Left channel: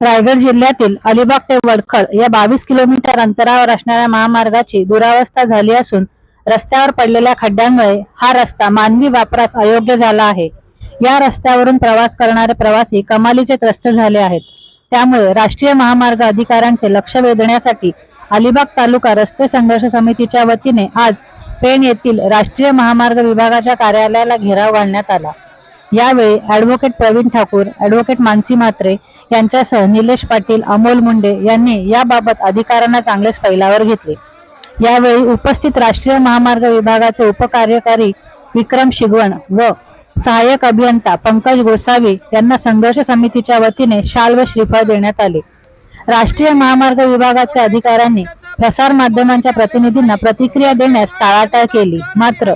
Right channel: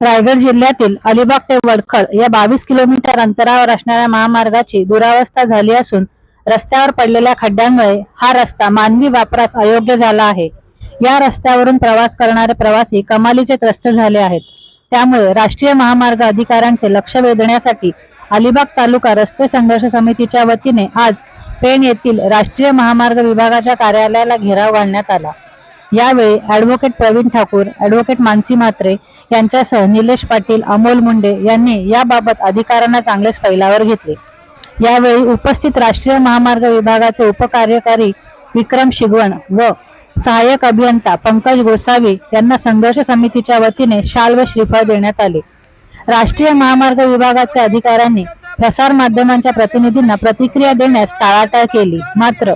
रायगड जिल्ह्यातील अलिबाग ते वडखळ या 22 किलोमीटर अंतरावर असणाऱ्या महामार्गाची दुरावस्था झाली असून रस्त्यावर पडलेल्या खड्ड्यांमुळे हा रस्ता मानवी वापरास अयोग्य झाला आहे। या रस्त्यावरून प्रवास करणारे प्रवासी कमालीचे त्रस्त झाले आहेत। त्यामुळे राष्ट्रीय महामार्ग अधिकाऱ्यांचे लक्ष वेधण्यासाठी अलिबाग तालुका रस्ते संघर्ष समितीच्या वतीने आज पेण येथील राष्ट्रीय महामार्ग विभागाच्या कार्यालयाला घेराव घालण्यात आला। यावेळी ॲडव्होकेट प्रवीण ठाकूर, ॲडव्होकेट मानसी म्हात्रे यांच्यासह निलेश पाटील, अमोल मुंडे यांनी याबाबत अधिकाऱ्यांना चांगलेच फैलावर घेतले। यावेळी उपस्थित राष्ट्रीय महामार्ग विभागाचे उपकार्यकारी विक्रम शिगवण व सहाय्यक अभियंता पंकज गोसावी यांना संघर्ष समितीच्या वतीने शाल व श्रीफळ देण्यात आले। राष्ट्रीय महामार्ग विभागाच्या अधिकाऱ्यांनी प्रसार माध्यमांच्या प्रतिनिधींना प्रतिक्रिया देण्यास टाळाटाळ केली। मात्र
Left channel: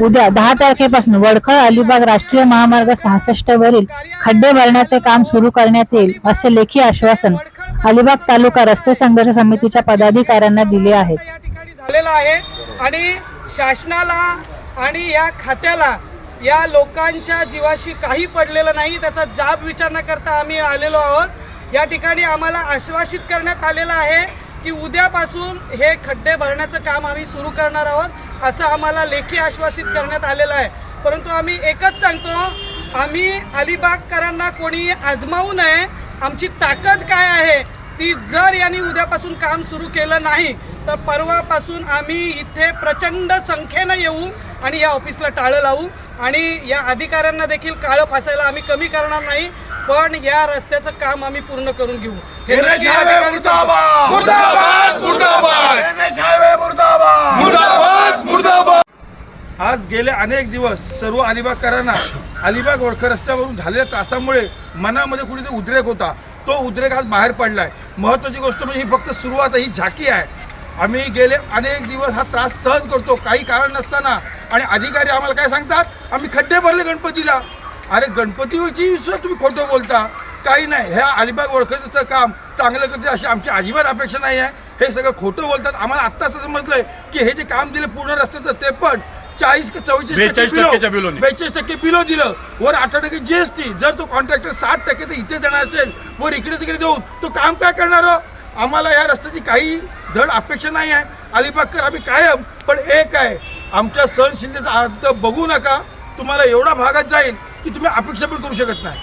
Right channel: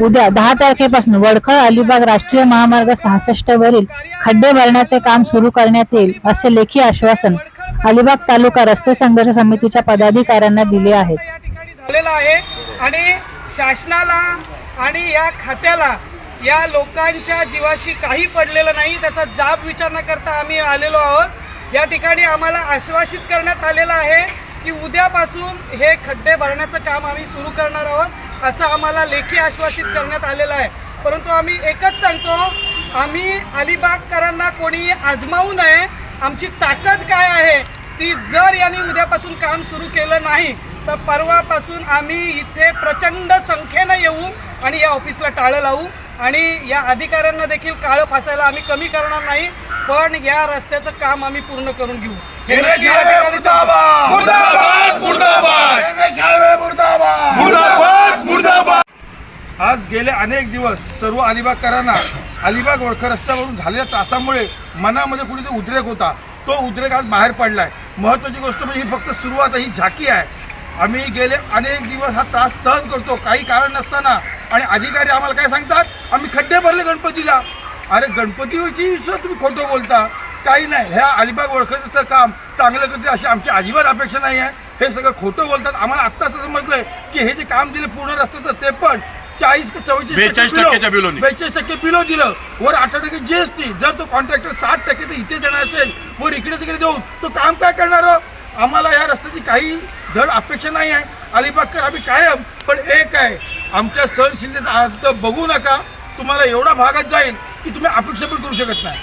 उद्या 10 तारखेपासून वडखळ अलिबाग राष्ट्रीय महामार्ग 66 वरील खड्डे भरण्याचे काम सुरू करण्यात येईल असे लेखी आश्वासन अलिबाग तालुका रस्ते संघर्ष समितीच्या पदाधिकाऱ्यांना दिले आहे। आणि शासनाला आणि या खात्याला या लोकांच्या जीवाशी काही पडलेलं नाही, त्याचा जाब विचारणा करता आम्ही आलेलो आहोत। या ठिकाणी आम्हाला आश्वासित करण्यात आलेलं आहे की उद्यापासून हे खड्डे भरण्याचं काम आम्ही सुरू करणार आहोत असं आम्हाला लेखी आश्वासित करण्यात आलेलं आहे। परंतु आम्ही एकच सांगतो, आम्ही अलिबागकरांना कोणी आजमावू नये। आमची ताकद काय आहे ती जर यांनी उद्यापासून काम सुरू केलं नाही तर परवापासून आम्ही इथे प्रचंड संख्येने येऊ आणि या ऑफिसला टाळं लावू आणि या अधिकाऱ्यांना देखील काळं फासायला आम्ही कमी करणार नाही, पण या रस्त्याचं काम आम्ही पूर्ण करून घेऊ। आज गेले अनेक दिवस सर्व अलिबागकरांना अलिबाग वडखळ रस्त्यावरून झालेल्या त्रासामुळे मनामध्ये कुठेतरी उद्रेक होता, तो उद्रेक आज बाहेर पडलाय। महत्त्वाची गोष्ट म्हणजे ही फक्त सुरुवात, ही झाकी आहे। आम्ही गेले अनेक दिवस हा त्रास सहन करतो काही कारण नसताना, आणि अधिकारी आम्हाला काय सांगतात, आम्ही खड्डे भरले गणपतीला। अरे गणपतीवरची विश्वास तुम्ही खोटं बोलता, काही नाही। ह्या अलिबाग वडखळचं काम चांगलं करते अशी आमची अजिबात अपेक्षा नाही आहे। हे सगळं खोटं बोलतात। आम्हाला आत्ता असं समजलंय की हे जे काम दिलं पूर्ण रस्त्याचं ते पण 40 ते 42% बिलो दिलं, वर 8% GST। जर तो कॉन्ट्रॅक्टर 60% तर इथे देणार असेल, वर इकडे तिकडे देऊन तो काम काय करणार? आम्हाला या रस्त्याची काही धड अपेक्षा नाही आहे। अलिबागकर आम्ही कायम, पण एक आहे, आमच्या सहनशीलतेचा अर्थ बघू नका। तुम्हाला एवढा भागात जाईल की तुम्ही अपेक्षा पण करू शकत नाही।